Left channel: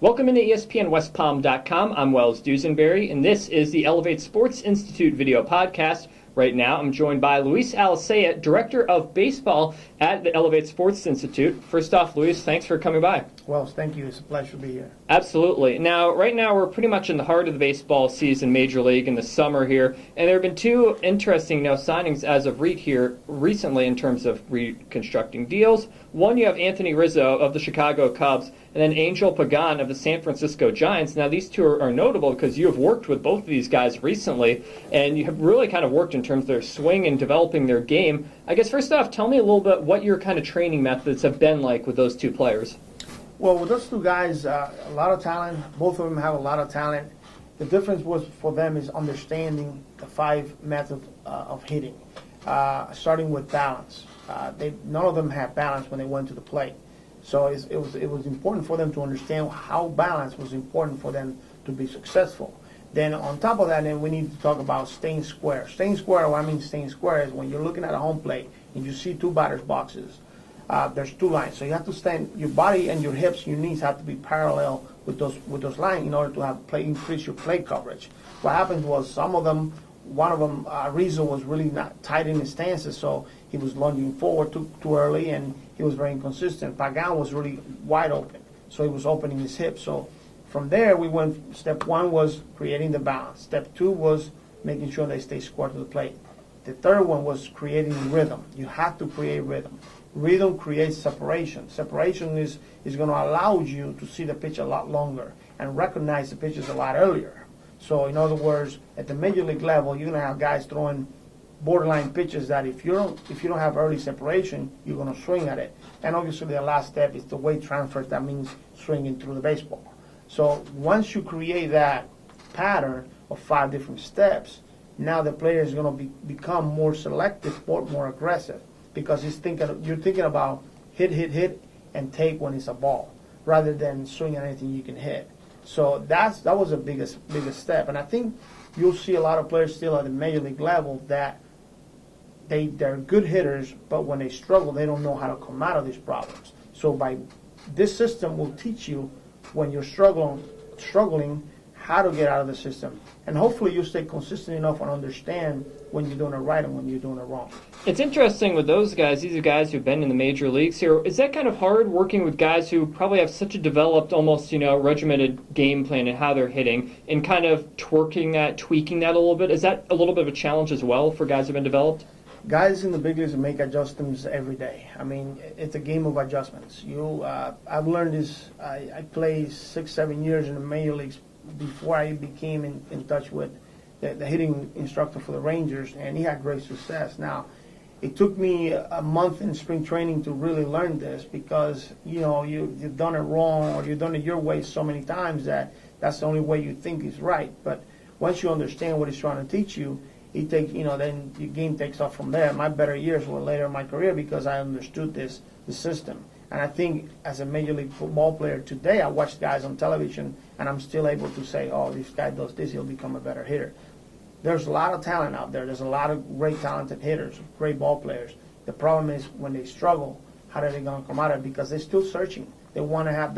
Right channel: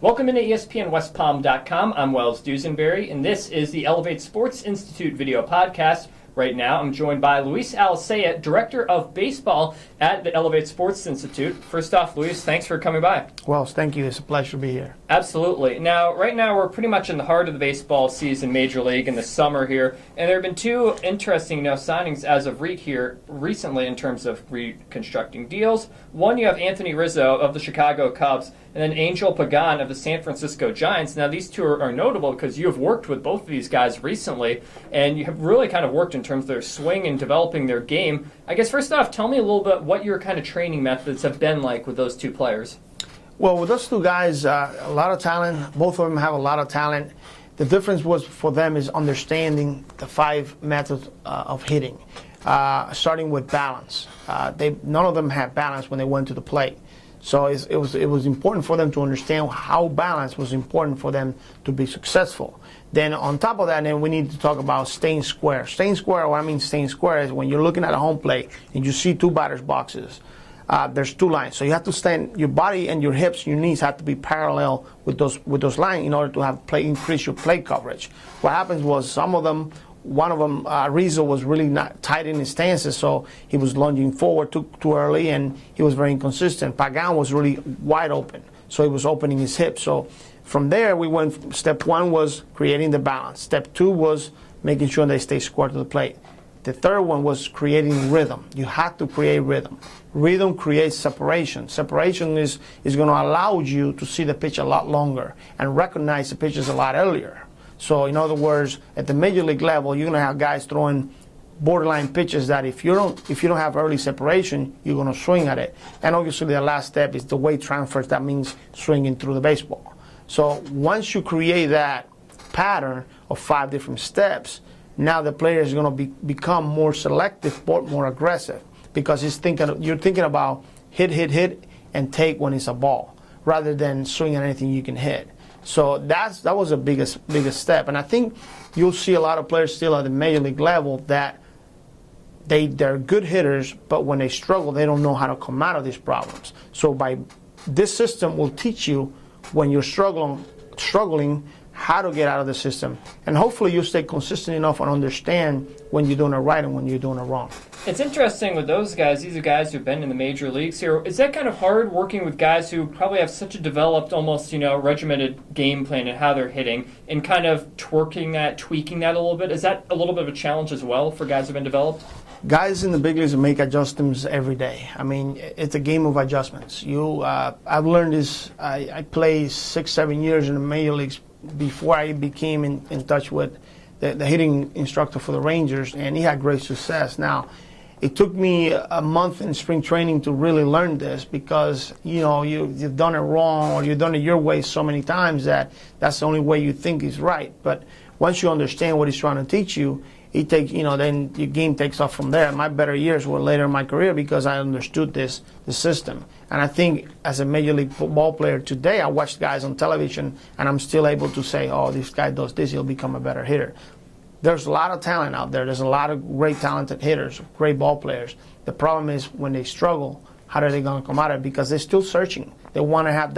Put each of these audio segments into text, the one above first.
Welcome into ESPNWestPalm.com. I'm Wells Dusenberry, and this is the Elevate Sports Institute video podcast. Right now, I'm joined by Luis Alicea, Director of Baseball at the Elevate Sports Institute. First off, Luis, thanks for coming by. Wells, thank you. It's a pleasure to be here. Absolutely. Now, right now, we're pretty much in the heart of the baseball season, Major League, in the summer here, and there have been two interesting signings as of recently in terms of reconstructing deals. One, you have Anthony Rizzo of the Chicago Cubs, and then Angel Pagan of the San Francisco Giants. Now, these two are notable because you have worked with both of these guys recently, and you have really kind of worked in terms of their swing and developing their game. I guess, first off, tell me a little bit what your kind of training methods have been like with those two players. Well, with those two guys, a lot of talent. Both of them have a lot of talent. The difference was for them is understanding the 5 methods of hitting, starting with balance. None of them had balance when they went to the plate. So it was important for them to understand how balance was important for them to be successful. Then on top of that, then we need to talk about staying square. Staying square, what I mean staying square is when you're looking at a home plate and you see 2 batter's boxes. There's 2 lines, so you have to stand. Your body and your hips, and your knees have to be parallel with those lines in order to have increase your plate coverage. What happens was one of them, Rizzo was really not tight in his stances, so he was lunging forward too early, and he was very inconsistent. Pagan was really wide open, so he was opening his hips. So from there, we went. Step 1 was creating the balance. Step 2 was making sure they stay square to the plate. The third one was creating rhythm. You have to create rhythm. Rhythm creates separation. Separation is going to allow you to see the pitch a lot longer and recognize the pitches a lot earlier. So in other words, at the major league level, you're going to have guys throwing borderline pitches that if you don't have early separation, you're going to swing at it. And obviously the last step is the weight transfers. That means swinging through the baseball. So once you create that pattern of 5 different steps, now the player is going to become more selective, more aggressive, because you're thinking about hit, and take when it's a ball, rather than swing at anything you can hit. So that was the biggest step. And I think you'll see a lot of players still at the major league level that they're good hitters, but when they struggle, they don't know how to come out of these problems. So this system will teach you when you're struggling how to get out of the system. And hopefully you stay consistent enough and understand when you're doing it right and when you're doing it wrong. It's interesting with those guys. These are guys who've been in the major leagues here. Is that kind of hard working with guys who probably have such a developed, almost, regimented game plan and how they're hitting, and kind of tweaking that a little bit? Is that a little bit of a challenge as well for guys who've been developed? Guys in the big leagues make adjustments every day. I mean, it's a game of adjustments. I've learned this. I played 6-7 years in the major leagues before I became in touch with the hitting instructor for the Rangers, and he had great success. Now, it took me a month in spring training to really learn this, because you've done it wrong, or you've done it your way so many times that's the only way you think is right. But once you understand what he's trying to teach you, then your game takes off from there. My better years were later in my career because I understood the system. And I think as a major league football player today, I watch guys on television and I'm still able to say, oh, this guy does this, he'll become a better hitter. There's a lot of talent out there. There's a lot of great talented hitters, great ball players. The problem is when they struggle, how are they going to come out of it? Because they're still searching. They want to have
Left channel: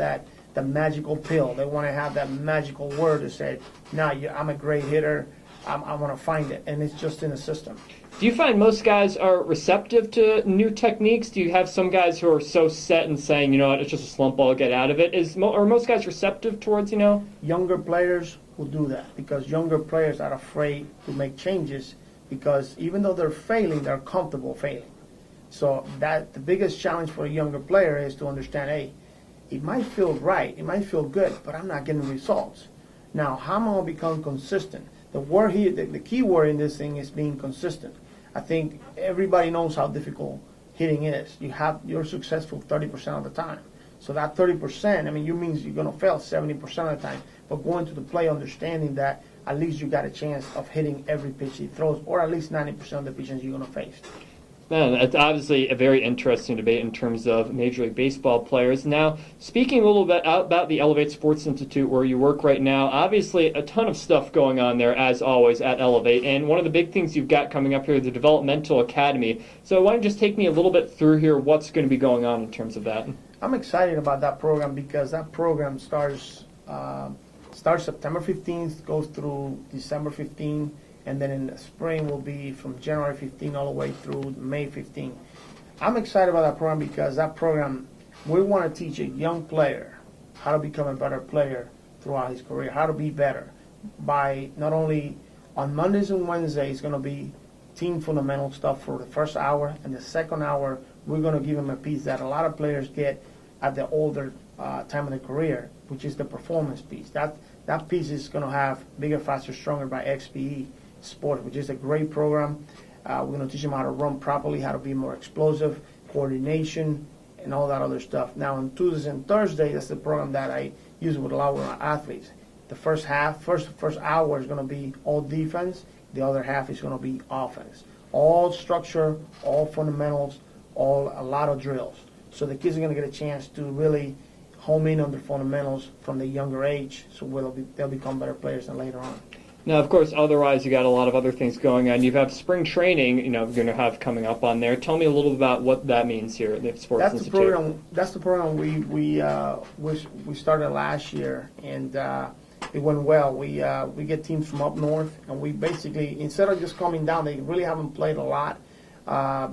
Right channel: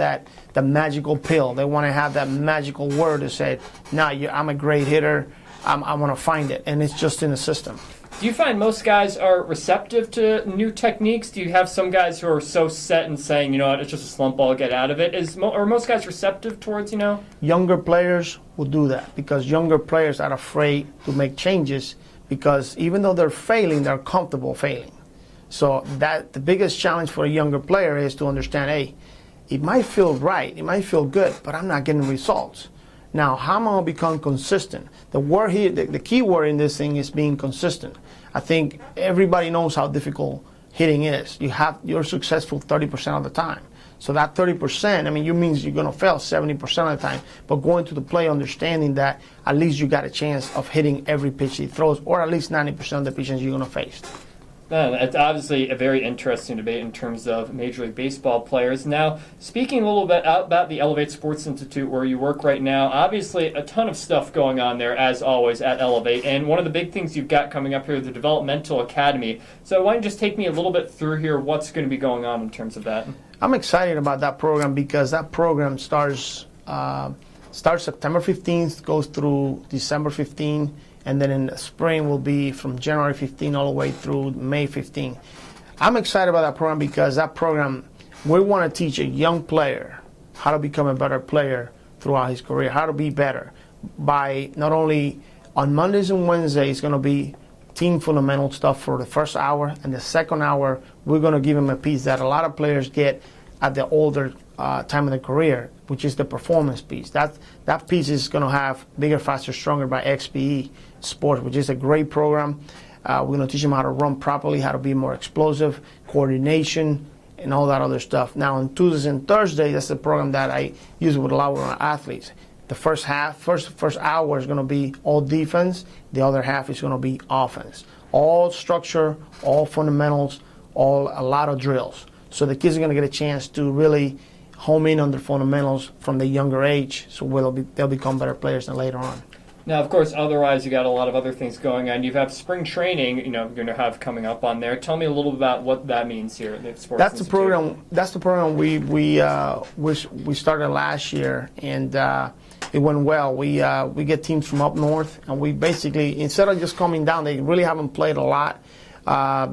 the magical pill. They want to have that magical word to say, I'm a great hitter. I want to find it. And it's just in the system. Do you find most guys are receptive to new techniques? Do you have some guys who are so set and saying, it's just a slump, I'll get out of it? Are most guys receptive towards, Younger players will do that, because younger players are afraid to make changes, because even though they're failing, they're comfortable failing. So the biggest challenge for a younger player is to understand, hey, it might feel right, it might feel good, but I'm not getting results. Now, how am I going to become consistent? The key word in this thing is being consistent. I think everybody knows how difficult hitting is. You're successful 30% of the time. So that 30%, you means you're going to fail 70% of the time. But going to the play understanding that at least you got a chance of hitting every pitch he throws, or at least 90% of the pitches you're going to face. It's obviously a very interesting debate in terms of Major League Baseball players. Now, speaking a little bit about the Elevate Sports Institute where you work right now, obviously a ton of stuff going on there, as always, at Elevate. And one of the big things you've got coming up here is the Developmental Academy. So why don't you just take me a little bit through here what's going to be going on in terms of that? I'm excited about that program because that program starts starts September 15th, goes through December 15th, and then in the spring will be from January 15th all the way through May 15th. I'm excited about that program because that program, we want to teach a young player how to become a better player throughout his career, how to be better by not only on Mondays and Wednesdays, it's going to be team fundamental stuff for the first hour, and the second hour, we're going to give him a piece that a lot of players get at the older time of their career, which is the performance piece. That piece is going to have Bigger, Faster, Stronger by XPE Sports, which is a great program. We're going to teach them how to run properly, how to be more explosive, coordination, and all that other stuff. Now, on Tuesdays and Thursdays, that's the program that I use with a lot of my athletes. The first hour is going to be all defense. The other half is going to be offense. All structure, all fundamentals, a lot of drills. So the kids are going to get a chance to really home in on their fundamentals from the younger age, so they'll become better players than later on. Now, of course, otherwise you got a lot of other things going on. You have spring training, you're going to have coming up on there. Tell me a little about what that means here at the Sports That's Institute. The program we started last year, and it went well. We get teams from up north, and we basically, instead of just coming down, they really haven't played a lot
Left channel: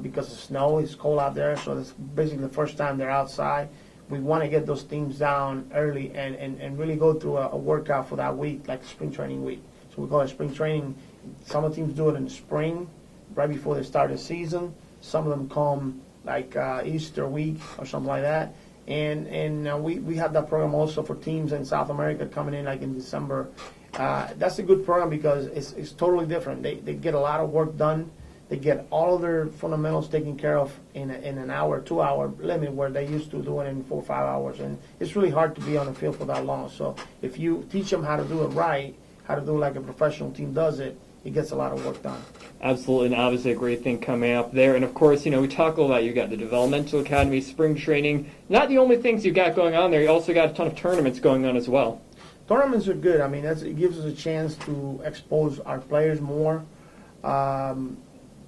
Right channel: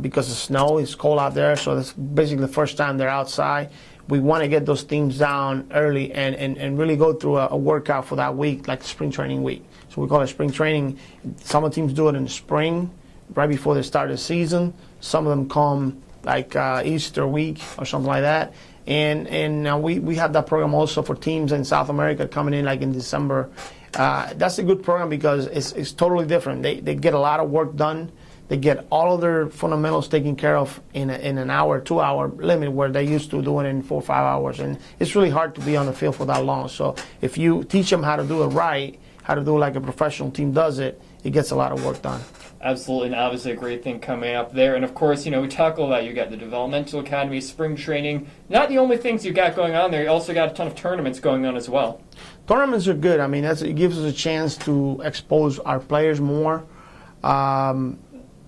because of snow. It's cold out there, so that's basically the first time they're outside. We want to get those teams down early and really go through a workout for that week, like spring training week. So we call it spring training. Some of the teams do it in the spring, right before they start the season. Some of them come like Easter week or something like that. And we have that program also for teams in South America coming in like in December. That's a good program because it's totally different. They get a lot of work done. They get all of their fundamentals taken care of in an hour, 2 hour limit where they used to do it in 4 or 5 hours. And it's really hard to be on the field for that long. So if you teach them how to do it right, how to do it like a professional team does it, it gets a lot of work done. Absolutely, and obviously a great thing coming up there. And of course, we talk about you got the developmental academy, spring training. Not the only things you got going on there, you also got a ton of tournaments going on as well. Tournaments are good. I mean, it gives us a chance to expose our players more.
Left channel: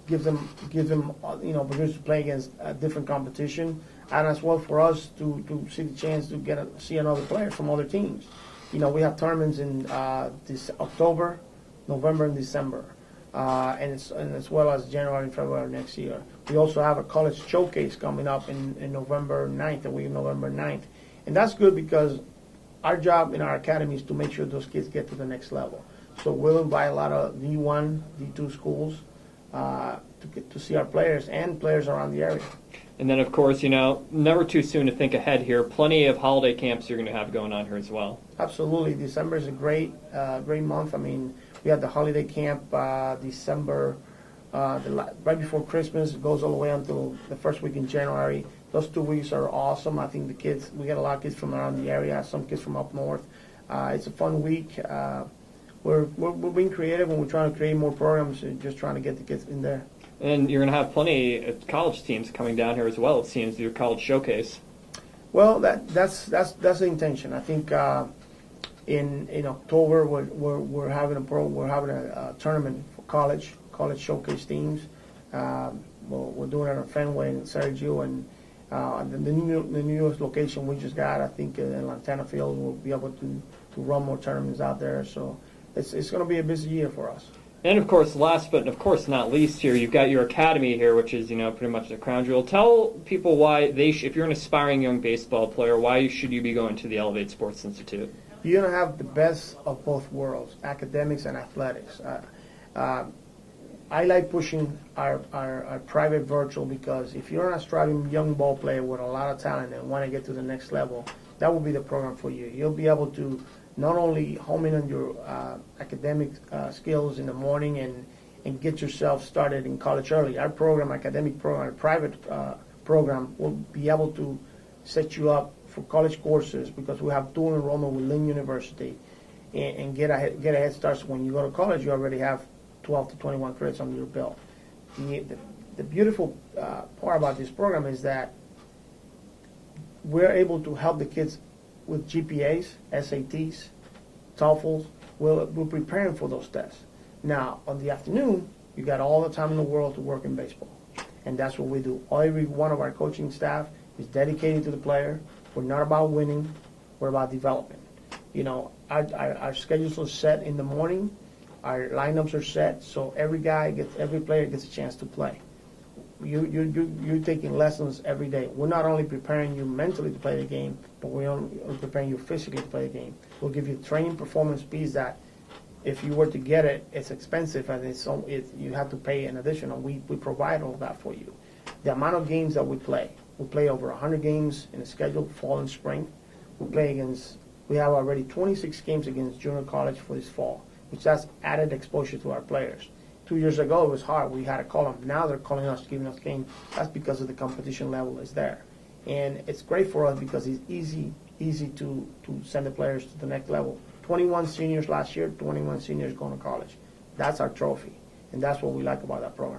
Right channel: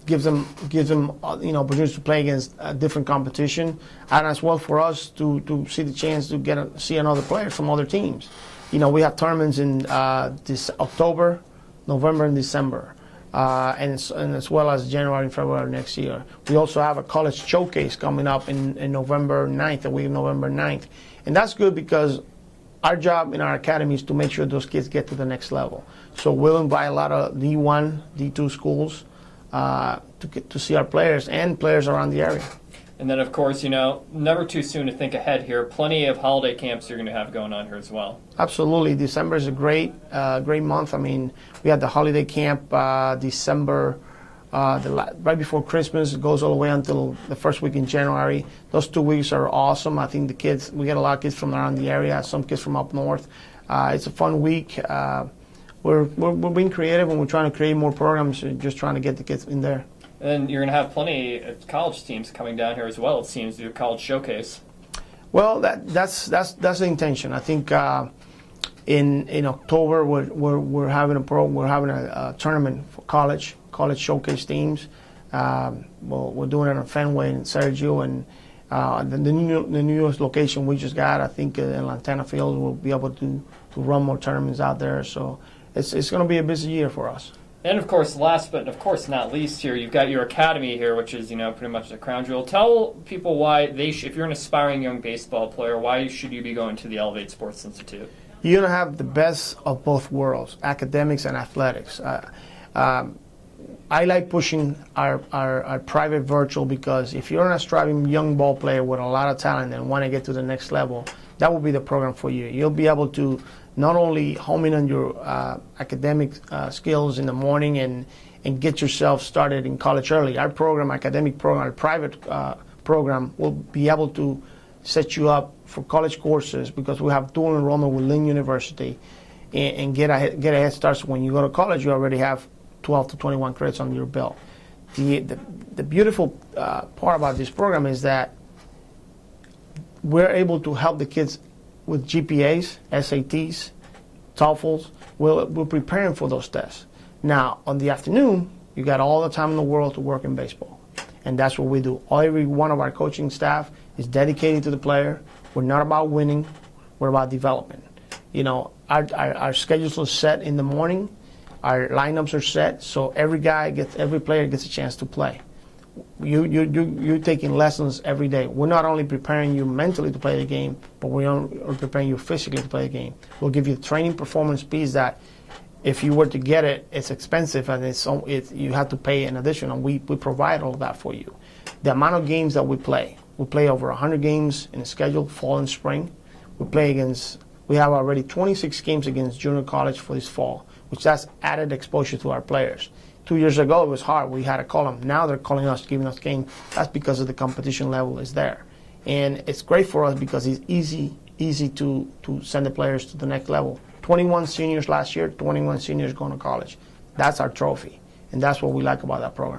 Gives them opportunities to play against a different competition, and as well for us to see the chance to see another player from other teams. We have tournaments in this October, November, and December, and as well as January and February next year. We also have a college showcase coming up in November 9th, the week of November 9th, and that's good because our job in our academy is to make sure those kids get to the next level. So we'll invite a lot of D1, D2 schools to see our players and players around the area. And then, of course, never too soon to think ahead here. Plenty of holiday camps you're going to have going on here as well. Absolutely. December is a great month. I mean, we had the holiday camp December, right before Christmas. It goes all the way until the first week in January. Those 2 weeks are awesome. I think we get a lot of kids from around the area, some kids from up north. It's a fun week. We're being creative and we're trying to create more programs and just trying to get the kids in there. And you're going to have plenty of college teams coming down here as well, it seems, to do a college showcase. Well, that's the intention. I think in October we're having a tournament for college showcase teams. We're doing it in Fenway in Sergio, and the newest location we just got, I think in Lantana Field, we'll be able to run more tournaments out there. So it's going to be a busy year for us. And of course, last but of course not least here, you've got your academy here, which is pretty much the crown jewel. Tell people why if you're an aspiring young baseball player, why should you be going to the ELEV Sports Institute? You're going to have the best of both worlds, academics and athletics. I like pushing our private virtual because if you're an aspiring young ball player with a lot of talent and want to get to the next level, that will be the program for you. You'll be able to not only home in on your academic skills in the morning and get yourself started in college early. Our program, academic program, our private program will be able to set you up for college courses because we have dual enrollment with Lynn University and get a head start. So when you go to college, you already have 12 to 21 credits under your belt. The beautiful part about this program is that we're able to help the kids with GPAs, SATs, TOEFLs. We're preparing for those tests. Now, on the afternoon, you got all the time in the world to work in baseball. And that's what we do. Every one of our coaching staff is dedicated to the player. We're not about winning. We're about development. Our schedules are set in the morning. Our lineups are set, so every player gets a chance to play. You're taking lessons every day. We're not only preparing you mentally to play the game, but we're preparing you physically to play the game. We'll give you the training performance piece that if you were to get it, it's expensive and you have to pay in addition, and we provide all that for you. The amount of games that we play over 100 games in the schedule, fall and spring. We have already 26 games against junior college for this fall, which that's added exposure to our players. 2 years ago, it was hard. We had to call them. Now they're calling us, giving us games. That's because of the competition level is there. And it's great for us because it's easy to send the players to the next level. 21 seniors last year, 21 seniors going to college. That's our trophy. And that's what we like about that program.